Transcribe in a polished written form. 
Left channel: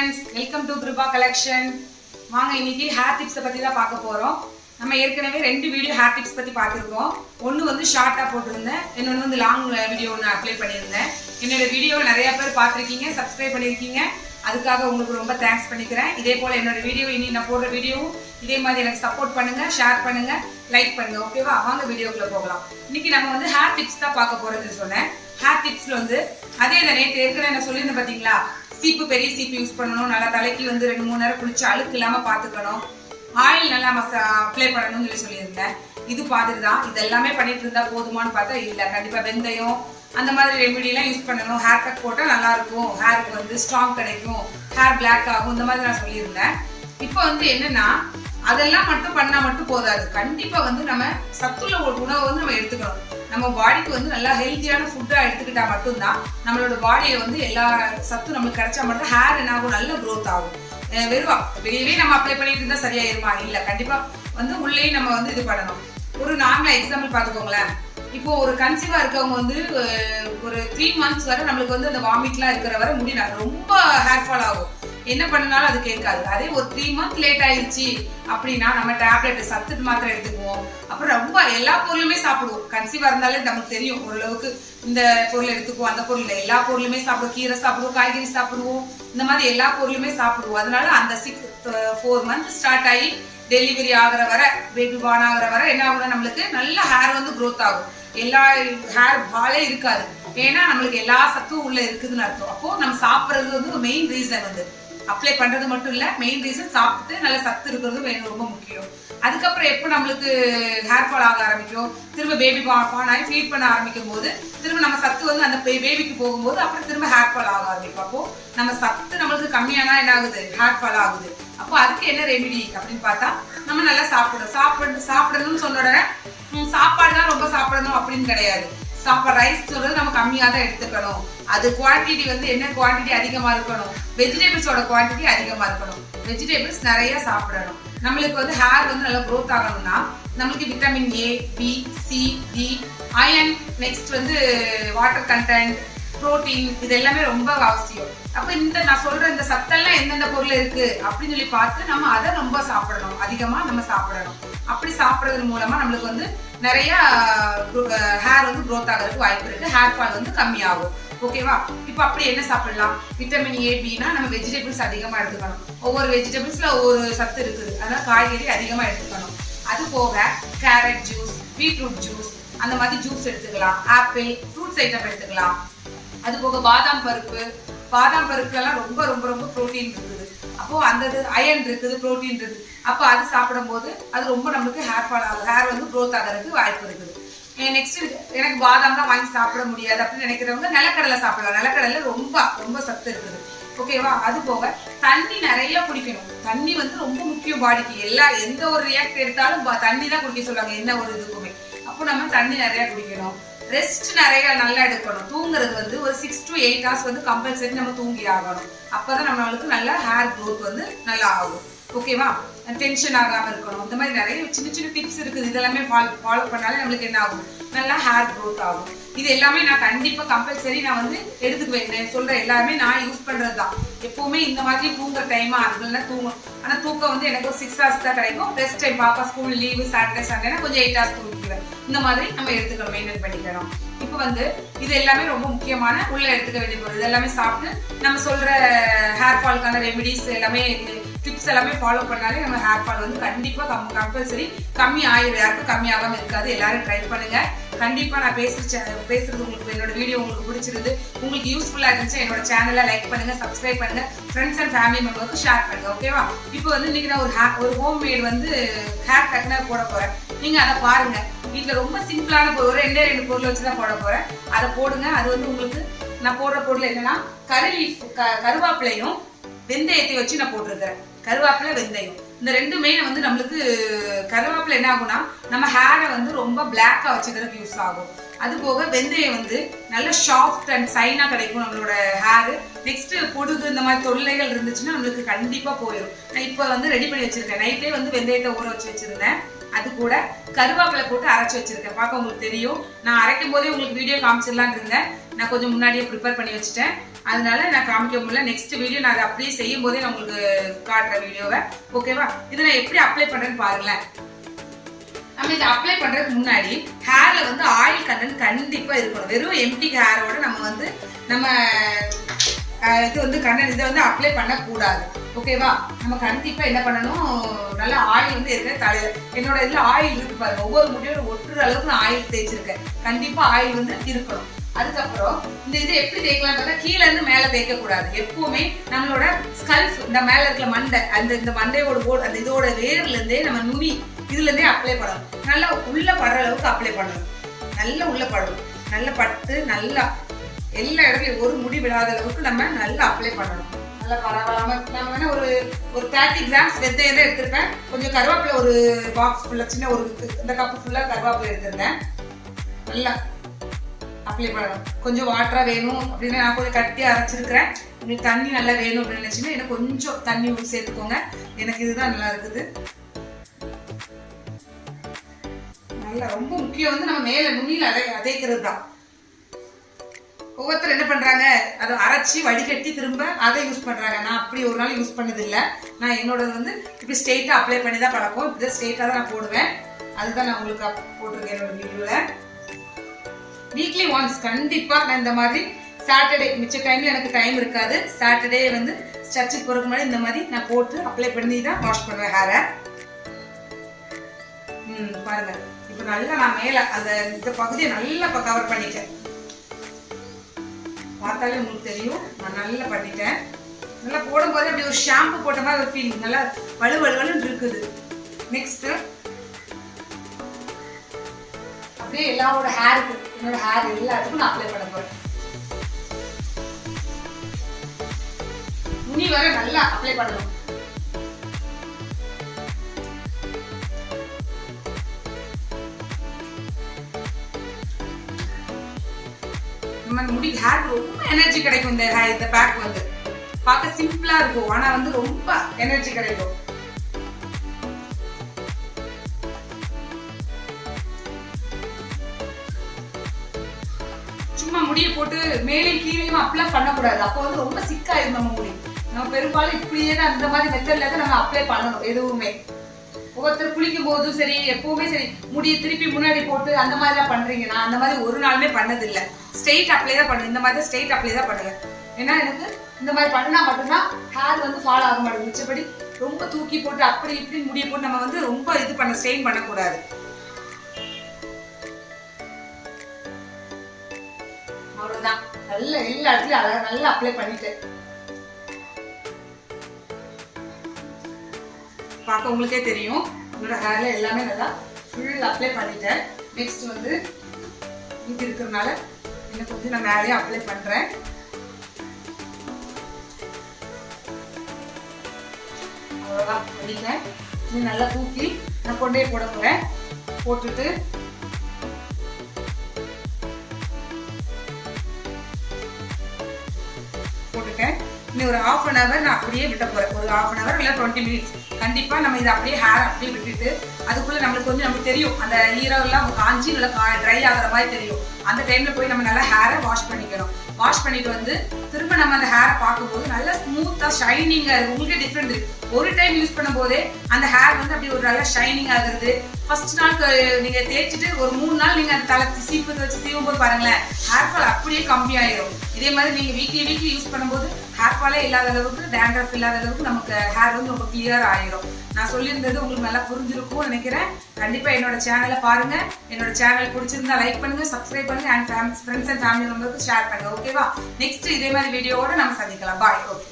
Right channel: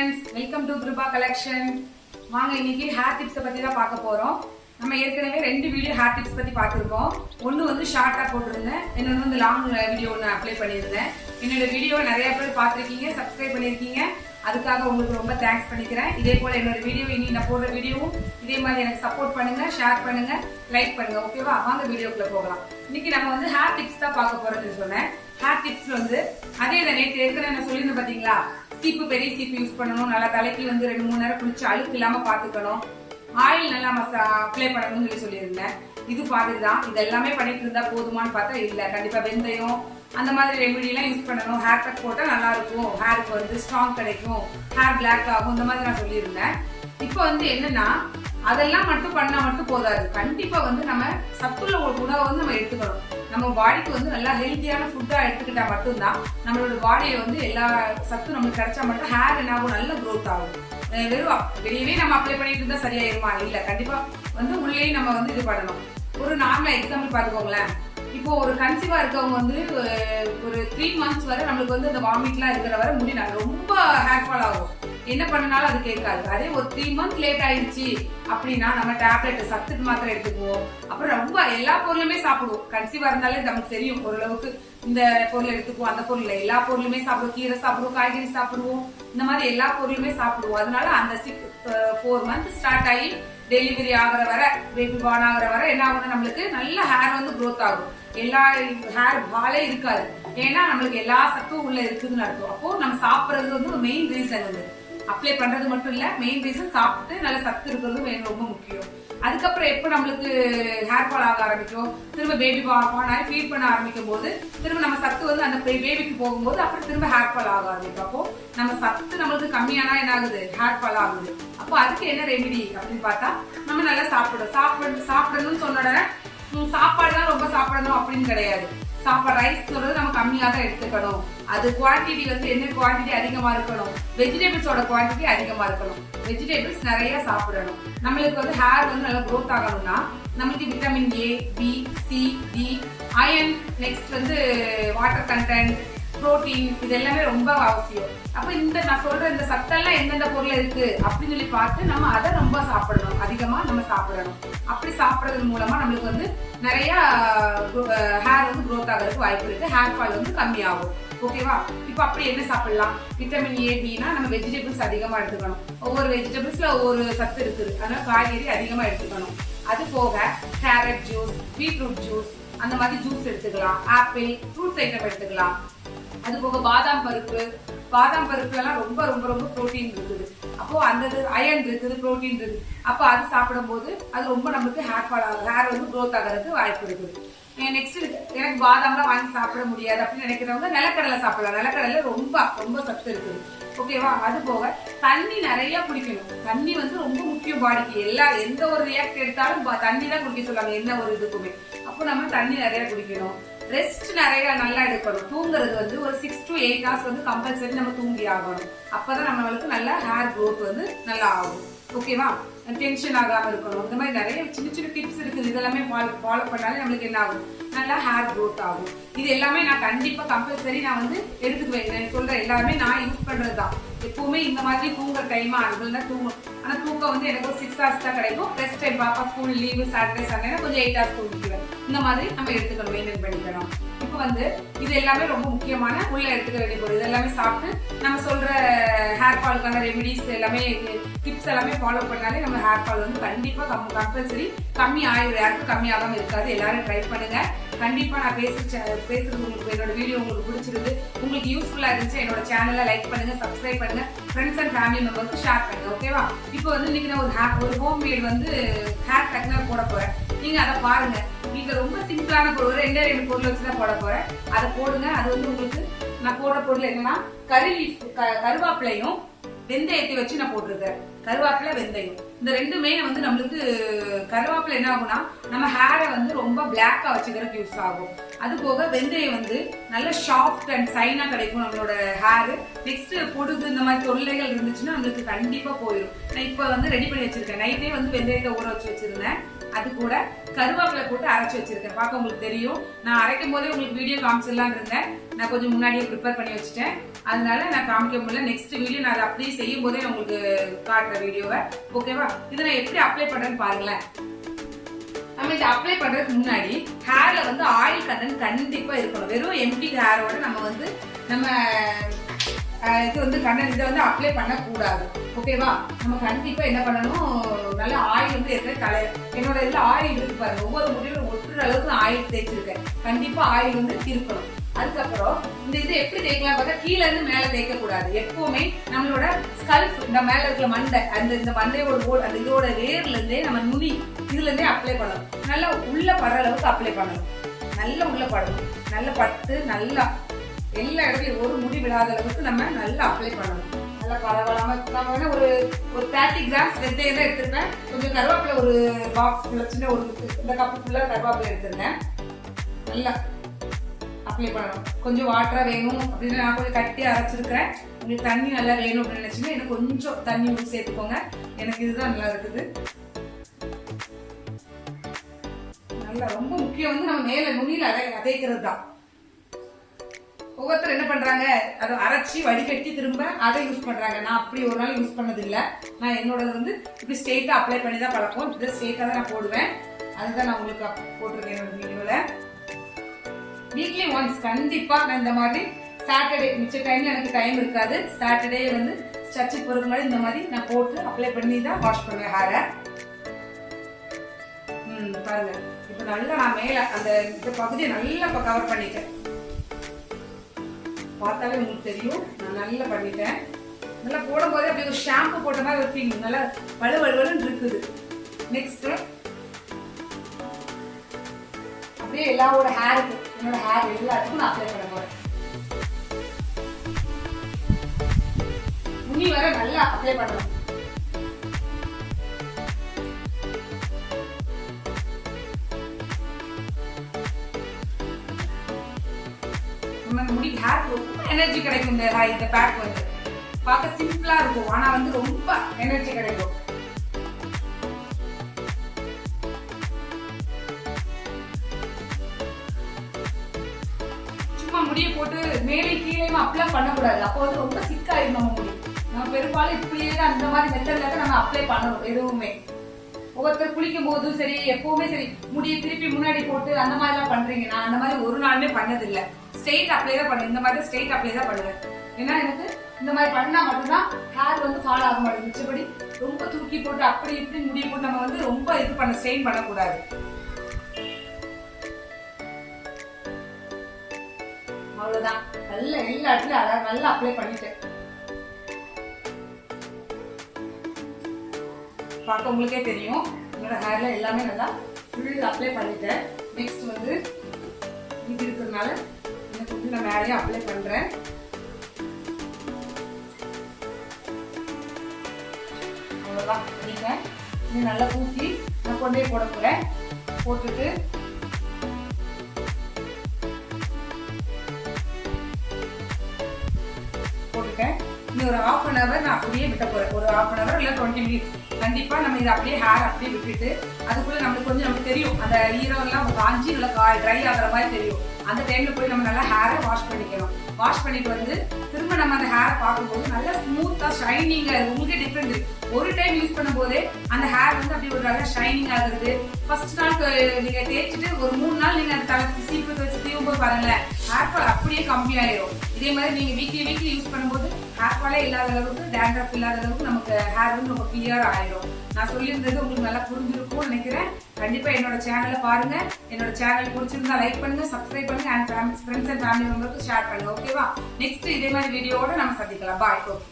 friends, welcome to Krupa collection. வாங்க இன்னைக்கு hair tips பத்தி தான் பார்க்க போறோம். நம்ம ஏற்கனவே ரெண்டு வீடியோ ஹேர் டிப்ஸ் பத்தி பார்த்திருக்கோம். ஒன்னு வந்து ஷார்ட்டா போட்டுருந்தேன், இன்னொன்னு வந்து லாங் வீடியோ நான் அப்ளை பண்ணியிருந்தேன். என்னோட வீடியோ நிறைய பேர் பார்த்திருக்கீங்க, சப்ஸ்கிரைப் பண்ணிருக்கீங்க. அதுக்காக உங்களுக்கு ரொம்ப தேங்க்ஸ் பண்ணிக்கிறேன். இதே போல என்னோட வீடியோ இனி நான் போடுற வீடியோவும் இதே மாதிரி எனக்கு சப்போர்ட் பண்ணுங்க, ஷேர் பண்ணுங்க, லைக் பண்ணுங்க. ஓகேவா? வாங்க வீடியோக்குள்ள போகலாம். இன்னைக்கு நம்ம வந்து ஹேர் டிப்ஸ் தான் பார்க்க போறது சொன்னேன். ஹேர் டிப்ஸ்ல வந்து அதே தான் நேற்று ஏற்கனவே நான் சொல்லியிருந்தேன் பாத்தீங்களா, சீப்பு பெரிய சீப்பு யூஸ் பண்ணணும், நல்லா தலைக்கு வந்து 2-3 நேரம் குளிச்சு அழுக்கு இல்லாம பாத்துக்கணும், ஆயில் நல்லா அப்ளை பண்ணணும்னு சொல்லியிருந்தேன். இது பார்த்துட்டு தான் இது எல்லாமே பண்ணிட்டு இருந்தா போதுமான்னு பார்த்தா இல்ல, கண்டிப்பா வெந்தயம் அந்த மாதிரி ரெமெடிலாம் யூஸ் பண்ணணும். ஹேர் கட் போட்டா நல்லா இருக்கும், ஹேருக்கு வந்து ஸ்ட்ராங் கிடைக்கும், ஹேர் பிளாக் ஆகும், இந்த மாதிரி நான் சொல்லியிருந்தேன். இப்போ வந்து என்னன்னா அதெல்லாம் மட்டும் பண்ணா மட்டும் போதாது, கண்டிப்பா வந்து நம்ம சத்துள்ள ஒரு உணவை வந்து நம்ம எடுத்துக்கணும். நம்ம பாடிக்கு வந்து நல்லா ஹெல்த்தியான ஃபுட்டா எடுத்துக்கிட்டா மட்டும்தான் நம்மளோட பாடியை வந்து எல்லா சத்தும் நமக்கு கிடைச்சா மட்டும் ஹேர் என்ன ஆகும், நல்ல க்ரோத் ஆகும். வெறும் வெளியவே நம்ம அப்ளை பண்ணிட்டு இருந்தா சரியாயிருமா? இல்ல, கண்டிப்பா வந்து உள்ளேயும் நம்ம வந்து இது பண்ணணும். ஒரு நார்மலா எக்ஸாம்பிள் பார்த்துக்கோங்களேன். இப்போ ஒரு கன்சீவா இருக்கவங்க வந்து ஒரு 3 months வரை நம்மளுக்கு வந்து அந்த வாமிட்லாம் இருக்கிற வரை முடி ரொம்ப ஹேர் ஃபால் ஆகும், என்ன பண்ணனாலும் அது கேட்காது. அதே ஒரு 3 months லேட் ஆயிடுச்சு அப்படின்னா நம்ம டேப்லெட் சத்துட்டு மாத்திரை எடுத்துக்குவோம். அப்புறம் ரொம்ப எல்லா பொருளுமே சாப்பிடுவோம். கன்சீவா இருந்தாலே நமக்கு தெரியும் ஓரளவுக்கு இந்த பொருள் எடுத்துக்குவோம், அந்த பொருள் எல்லா பொருளுமே சாப்பிடுவோம், கீரை சாப்பிடுவோம், காய்கறி சாப்பிடுவோம், இந்த மாதிரி எல்லா பொருளுமே சாப்பிடுவோம். அதனால அந்த 4 months ஸ்டார்ட் ஆகி டெலிவரி ஆகிற வரை, பேபி பார்ன் ஆகிற வரை என்ன ஆகும்னா நம்மளுக்கு நல்ல ஹேர் வந்து க்ரோத் ஆகும். எல்லா ஹேர் ஃபாலே இருக்காது, ஏன்னா நம்மளுக்கு எல்லா சத்தும் உள்ள இருக்குதுன்னு அர்த்தம். அப்போ நம்ம சாப்பிட்றது வந்து மெயின் ரீசன் வந்து அப்ளை பண்றது மட்டும் இல்ல, மெயின் ரீசன் சாப்பிட்டு நல்ல சத்து இருக்கிறது ரொம்ப முக்கியம். அதுக்கப்புறம் எப்போ நம்மளுக்கு ஹேர் ஃபால் ஆக ஆரம்பிக்கும், திரும்ப பேபி பார்ன் ஆகி ஃபீட் பண்ண ஆரம்பிக்கும் போது திரும்ப நம்ம சத்து வந்து அந்த பேபிக்கு போகும்போது அப்புறம் திரும்ப ஹேர் ஃபால் ஆக ஆரம்பிக்கும். அப்போ நம்ம சத்து நம்மளுக்கு கம்மியானா என்ன ஆகுது, ஹேர் ஃபால் ஆகுது. அப்போ அதுக்கு என்ன ரெமிடி அப்படின்னு பார்த்தா நம்ம நல்லா சாப்பிடணும்னு சொன்னோட சாப்பாடு தான் ரொம்ப சாப்பிடணும் அப்படின்னு கிடையாது. ரைஸ் சொல்றது நம்ம கம்மியா தான் எடுத்துக்கணும். அது குவான்டிட்டி வந்து என்ன குவான்டிட்டி அதிகமா இருக்கணும், வெஜிடபிள்ஸோட குவான்டிட்டி அதிகமா இருக்கணும். வெஜிடபிள்ஸ் நிறைய சாப்பிடணும். நம்மளுக்கு வந்து ஹேர் வந்து நல்லா க்ரோத் ஆகணும்னா நம்மளுக்கு vitamin A, B, C, D, iron, next வந்து வாட்டர் கண்டென்ட், புரோட்டீன், இது எல்லாமே ரொம்ப அவசியம். அப்ப இந்த நான் சொல்ற இந்த சத்தெல்லாம் எந்தெந்த பொருள் இருக்கு அப்படின்னு சொல்லி பார்த்து நம்ம அதை ரொம்ப சாப்பிடணும், அதிகமா நம்ம சாப்பிடணும். அப்படி சாப்பிடுறது மூலமா நம்மளுக்கு வந்து நிறைய ஹேர் வந்து க்ரோத் ஆகிறதுக்கு வாய்ப்பு இருக்கு, ஹேர் ஃபால் வந்து கம்மியாகும். ஓகேவா? இப்போ அப்படி என்ன சாப்பிடலாம்? விட்டமின் ஏ, பினா நம்ம வெஜிடபிள்ஸ் அதிகமா எடுத்துக்கணும். ஒவ்வொரு வெஜிடபிள்ஸ்ல ஒவ்வொரு சத்து இருக்குது, அதனால காய்கறி அதிகமா எடுத்துக்கணும். அது போக கேரட் ஜூஸ், பீட்ரூட் ஜூஸ், அந்த மாதிரி ஜூஸ் எடுத்துக்கலாம். ஆப்பிள், ஃப்ரூட்ஸ் ஐட்டம் எடுத்துக்கலாம். அது போக பாதாம் பருப்புலாம் ரொம்ப ரொம்ப ரொம்ப புரோட்டீன் இருக்குது. அப்போ அந்த அயன் இருக்குது, புரோட்டீன் இருக்குது. அப்போ அது சாப்பிடும் போது அது ரொம்ப நம்மளுக்கு ஹேர் ஃபால் ஆகும், ஹேர் வந்து க்ரோத் ஆகிறதுக்கு வாய்ப்பு இருக்குது. நெக்ஸ்ட் எனக்கு பாதாம்லாம் வாங்கி சாப்பிட முடியாது அப்படின்னு நினைக்கிறவங்க நிலக்கடலை சாப்பிடலாம். நிலக்கடலை ரொம்ப ரொம்ப சத்து இருக்குது. ஓகேவா? அது போக தண்ணி நிறைய குடிக்கணும். தண்ணி வந்து ரொம்ப முக்கியம் பாடிக்கு. எந்த ஒரு ரியாக்ட் எடுத்தாலும் தண்ணி தான் குடிக்க சொல்லுவாங்க, என்ன ஒரு இதுக்குமே. அப்போ நம்ம தண்ணி நிறைய குடிக்கணும். ரெஸ்ட் நிறைய நல்லா எடுக்கணும். தூங்குறது வந்து ஒரு 6 to 8 hours வந்து கம்பல்சரி நம்ம தூங்கி ஆகணும். அப்பதான் நம்மளுக்கு நல்ல ஹேர் க்ரோத் வந்து நல்லா ஆகும். ஓகேவா? டென்ஷன் ஆகாம இருக்கணும். இந்த மாதிரி நிறைய சின்ன சின்ன டிப்ஸ் இருக்குது. இதெல்லாமே ஃபாலோ பண்ணாலே நம்மளுக்கு என்ன ஆகும், நல்லா ஹேர் க்ரோத் ஆகும். இது எல்லாமே நான் கண்டிப்பா கம்பல்சரி நான் வந்து எடுத்துக்குவேன். சொல்ற எல்லாமே நான் யூஸ் பண்றதுதான். எப்பவுமே இந்த மாதிரி தூங்குற டைமா அதுக்குள்ள தூங்கும். ஆனா தூக்கம் வந்து எனக்கு 6 hours தான் கிடைக்கும். ரெஸ்ட் டைம் பாப்பா ஸ்கூல் லீவு, சாட்டர்டே சண்டேனா கொஞ்சம் 8 hours தூங்கிக்குவேன். இந்த மாதிரி நம்ம எடுத்துக்கணும், மெயின்டைன் பண்ணிக்கணும். இப்போ வந்து இது எல்லாமே ரொம்ப முக்கியமான உள்ள எடுத்துக்க வேண்டிய பொருள். இது எல்லாமே சாப்பிட்டு நம்ம சொல்ற ஹேர் ஃபால்க்கான ரெமிடிஸ் எல்லாமே டிப்ஸ் எல்லாமே ஃபாலோ பண்ணாலே நம்ம ஹேர் ஃபால் வந்து கண்டிப்பா கம்பல்சரி கம்மி ஆயிடும். யாருக்கும் கம்மி ஆகாம இருக்காது. எல்லாரும் ட்ரை பண்ணுங்க. கண்டிப்பா நான் பேசுறது உங்களுக்கு, என்னோட வீடியோ உங்களுக்கு பிடிச்சிருந்து, உங்களுக்கு யூஸ்ஃபுல்லா இருந்துச்சு, என்னோட சேனலை லைக் பண்ணுங்க, சப்ஸ்கிரைப் பண்ணுங்க, ஃப்ரெண்ட்ஸ் அண்ட் ஃபேமிலி மெம்பருக்கு ஷேர் பண்ணுங்க. ஓகேவா? இப்போ வந்து இன்னைக்கு நான் ஒரு ஹோம் மேட் வந்து ஹேர் கட்னர் போட போறேன். நீங்க அதை பாருங்க. வீட்டுல ரொம்ப சிம்பிளான பொருள், 2 பொருள் வச்சுதான் போட போறேன். அதை போடுங்க. அது வந்து உங்களுக்கு நான் போடுற பொருள் என்னன்னா கருவேப்பிலையும் வெந்தயத்தை வச்சு நான் போட்டிருக்கிறேன். கருவேப்பிலை, வெந்தயம், இந்த ரெண்டுமே வந்து நம்மளுக்கு கருவேப்பிலை என்ன ஆகும்னா நம்ம ஹேரை வந்து ரொம்ப பிளாக்கா வச்சுக்கிறதுக்கு யூஸ் ஆகும். அது போக வெந்தயம் வந்து நல்ல சாஃப்ட் அண்ட் சைனா கிடைக்கும் நம்மளோட ஹேரு. நெக்ஸ்ட் பொடுகு இந்த மாதிரி தொல்லைகள் இருந்துச்சுன்னா நம்மளுக்கு கண்டிப்பா போயிடும். நான் இப்போ வந்து ரெடி பண்ணி வச்சிருக்கேன். நைட்லேயே வந்து வெந்தயத்தை ஊற வச்சு வச்சிருந்தேன். அது கூட கருவேப்பிலை போட்டு அரைச்சு வச்சிருக்கேன். பார்க்க உங்களுக்கு தெரியும். நான் அரைக்கும் போதே உங்களுக்கு வீடியோ காமிச்சிடலான்னு இருந்தேன். நான் கொஞ்சம் முன்னாடியே ப்ரிப்பேர் பண்ணி வச்சுட்டேன். அதனால நான் காமிக்க முடியல. நெக்ஸ்ட் வீடியோ நான் அதை அப்படியே செய்யும் போதே நான் உங்களுக்கு காட்டுற வீடியோவை. ஓகேவா? இதை நான் எப்படி அப்ளை பண்றேன்னு பாருங்களேன். நம்ம இதை அப்ளை பண்றதுக்கு முன்னாடி ஹேர்ல வந்து ஆயில் கண்டென்ட் கண்டிப்பா இருக்கணும். வெறும் எம்டி ஹேரோட நம்ம இது வந்து கண்டென்ட் இதை வந்து அப்ளை பண்ணக்கூடாது. ஓகேவா? நம்ம கண்டிப்பா என்ன பண்ணணும், நல்ல ஆயில் வந்து ஏற்கனவே தலையில என்னோட இதுல ஆயில் இருக்கு பாருங்க. ஒவ்வொரு முடியோட ஒட்டுற அளவுக்கு நான் ஆயில் தேய்ச்சிருக்கேன். கண்டிப்பா ஆயில் வந்து இருக்கணும். அதுக்கப்புறம் இந்த இது எப்படி தேய்க்கலாம் பார்த்தா, கீழே இருந்து மேல தேய்க்க கூடாது. எப்பவுமே நம்மளோட ஸ்கல்ஃப் இந்த மேல இருக்கிற மண்டை, இந்த மண்டையோட அந்த இதோட வேர்ல இருந்தே நம்ம நுனி இதுல இருந்தே அப்ளை பண்ணணும். நல்லா உள்ள படுற அளவுக்கு அப்ளை பண்ணணும். நல்லா உள்ள படணும். நல்லா பட்டு நல்லா எல்லா இடத்துலயும் ஒரு முடி விடாத அளவுக்கு நம்ம நல்லா அப்ளை பண்ணணும். நல்லா பரவாயில்லாம நம்ம வேணா ஒரு 30 கிராம்ஸ் வெந்தயம் தான் எடுத்திருப்பேன். கொஞ்சம் கருவேப்பிலை ஒரு பாக்ஸ் ஃபுல்லா, சின்ன ஒரு இந்த கப்பு ஃபுல்லா கருவேப்பிலை எடுத்திருந்தேன். நல்லா அப்ளை பண்ணணும். கொஞ்சம் வாட்டரா வேணும் அப்படின்னு நான் கொஞ்சம் கட்டி அரைச்சிருக்கிறேன். உங்களுக்கு தண்ணி நல்லா வேணும் அப்படின்னு நினைச்சுன்னா எனக்கு கொஞ்சம் தண்ணி ஊற்றி சேர்த்துக்கோங்க. எனக்கு இதுதான் நல்லா இருக்குது. நல்லா ரொம்ப முக்கியம் வந்து நம்ம மேல நுனியில அதைக்கிறது தான். ஒவ்வொருத்தர் என்ன பண்றாங்க, அதை அரைச்சி வடிகட்டி திரும்ப அதை யூஸ் பண்றாங்க. நான் அப்படி ஒரு நாள் யூஸ் பண்ணது இல்லை. நான் என்னோட வந்து இப்படி ஸ்ட்ரெயிட்டா அப்ளை பண்ணி தான் பழக்கம். இப்படி ஸ்ட்ரெயிட்டா தான் நான் போடுவேன். அதுதான் நான் உங்களுக்கு போட்டிருக்கேன் என்னோட வீடியோல. வீக்லி ஒன்ஸ் கண்டிப்பா நான் இந்த மாதிரி சாட்டர்டே, மிச்ச டைம்ல எனக்கு டைம் இருக்காது, சாட்டர்டே வந்து சர்ச்சுக்கு போறதுக்கு முன்னாடி இந்த மாதிரி நான் போட்டு அப்ளை பண்ணி தான் வாஷ் பண்ணுவேன் ஹேரை. பாருங்க, இப்போ நல்லா நான் மேல அந்த இந்த பகுதியை நல்லா இப்போ கவர் பண்ணிட்டேன். பார்த்தாலே உங்களுக்கு தெரியும் நான் நல்லா பண்ணிட்டேன். நல்லா போடும்போது அப்படி ஒரு ஷாம்பு போட்ட மாதிரி ஒரு ஃபீலிங், நல்லா வலுவலுன்னு இருக்குது. நெக்ஸ்ட் அப்படியே எல்லாரோட ஹேருக்கு, என்னோட ஹேர் எல்லாத்துக்கும் நான் அப்ளை பண்ண போறேன். முனி வர நல்லா அப்ளை பண்ணணும். நம்ம முடி ஹேருக்கு ரொம்ப எனர்ஜி கிடைக்கும். இந்த பேக் வந்து பார்க்க சிம்பிளா இருக்கும், ஆனா வந்து ரொம்ப எனர்ஜி கிடைக்கும். சும்மா முடியை போட்டு மேலே கீழேயும் அப்ளை பண்ணக்கூடாது. அப்போ வந்து ரொம்ப சிக்காயிரும் நம்ம முடி. நம்ம பெரும்பாலும் இப்படியே தான் அந்த மாதிரி மெத்தட்ல தான் நம்ம அப்ளை பண்ணணும் எதுவுமே. ஒவ்வொருத்தர் குளிக்கும் போதும் சரி, எப்பவுமே சரி, முடியை திருப்பி முன்னாடி போட்டு அந்த மாதிரி தான் பண்றீங்க. நான் அந்த மாதிரி ஒரு நாளுமே பண்ணது இல்லை. ஸ்ட்ரெயிட் அப்ளை தான் பண்ணுவேன். இந்த மாதிரி ஸ்ட்ரெயிட் அப்ளை தான் பண்ணுவேன். ஏன்னா எனக்கு இந்த மாதிரி பண்ணா மட்டும்தான் ஹேர் வந்து ஃபாலோ ஆக மாட்டேங்குது. மிச்சபடி ரொம்ப தூக்கி போட்டு அப்படி இப்படி முடியை போட்டு நம்ம வந்து ரொம்ப இது பண்ண ஸ்ட்ரெயின் பண்ணக்கூடாது. அவ்வளவுதான். நல்ல எல்லா இடத்துலயும் நல்லா அப்ளை பண்ணிட்டேன். பார்க்க உங்களுக்கே தெரியும் என்னோட ஹேர்ல எல்லாமே நல்லா ஃபுல் அப்ளை பண்ணிட்டேன். நெக்ஸ்ட் வந்து இது இருக்கிறதுனால எனக்கு வந்து நான் மேலேயே அப்ளை பண்றேன். அவ்வளோதான் பண்ணிட்டேன். இன்னும் நல்லா தூக்கி நான் கொண்டே போட போறேன். போட்டுட்டு இன்னும் ஒரு 1/2 hour நான் அப்படியே விட்ட போறேன். ஒரு 1/2 hour இல்லை 20 minutes கண்டிப்பா நம்ம இதை அப்படியே ஹேர் அப்படியே விட்டுட்டு அதுக்குள்ள நம்மளுக்கு வந்து நமக்கு தெரியும் அந்த ஈரம் எல்லாம் காஞ்சி நல்லா ட்ரை ஆகிற மாதிரி தெரியும். அந்த டைம்ல போய் நம்ம நல்லா ஹேரை வாஷ் பண்ணிக்கணும். வாஷ் பண்ணிட்டு வந்து திரும்ப நம்ம அந்த ஹேரை பார்க்கும்போது நல்லா ஸ்மூத்தா ஷைனிங்கா இருக்கு. உங்களுக்கே டிஃப்ரெண்ட் இருக்கு. ஒரு டைம் யூஸ் பண்ணும்போதே அந்த ஹேர் வந்து அப்படி ஒரு நல்லா ஷைனிங் ஆகுறது. ஃபர்ஸ்ட் நாள் நீங்க தேய்ச்சிட்டு ஒரு 3 நாள் நீங்க அந்த தலை சீப்பு வச்சு சீவும் போது பாருங்களேன், ஹேர் ஃபால் அப்படியே கம்மி ஆயிரும். இதே மாதிரி நீங்க வீக்லி யூஸ் பண்ணும்போது ஹேர் ஃபாலே இல்லாத அளவுக்கு, டேண்ட்ரஃப் இல்லாத அளவுக்கு நமக்கு ஹேர் வந்து ரொம்ப கிளியர் ஆயிரும். நான் சொல்லியிருந்தது உங்களுக்கு நல்லா புரிஞ்சிருக்கும்னு நினைக்கிறேன். கண்டிப்பா என்னோட சேனலை பாருங்க. என்னோட சேனல் பிடிச்சிருந்தா லைக் பண்ணுங்க, சப்ஸ்கிரைப் பண்ணுங்க, அண்ட் ஃப்ரெண்ட்ஸ் அண்ட் ஃபேமிலி மெம்பருக்கு ஷேர் பண்ணுங்க. ஓகேவா? நெக்ஸ்ட் இதே மாதிரி வீடியோவோட நம்ம சந்திக்கலாம். பாய். ஓகே.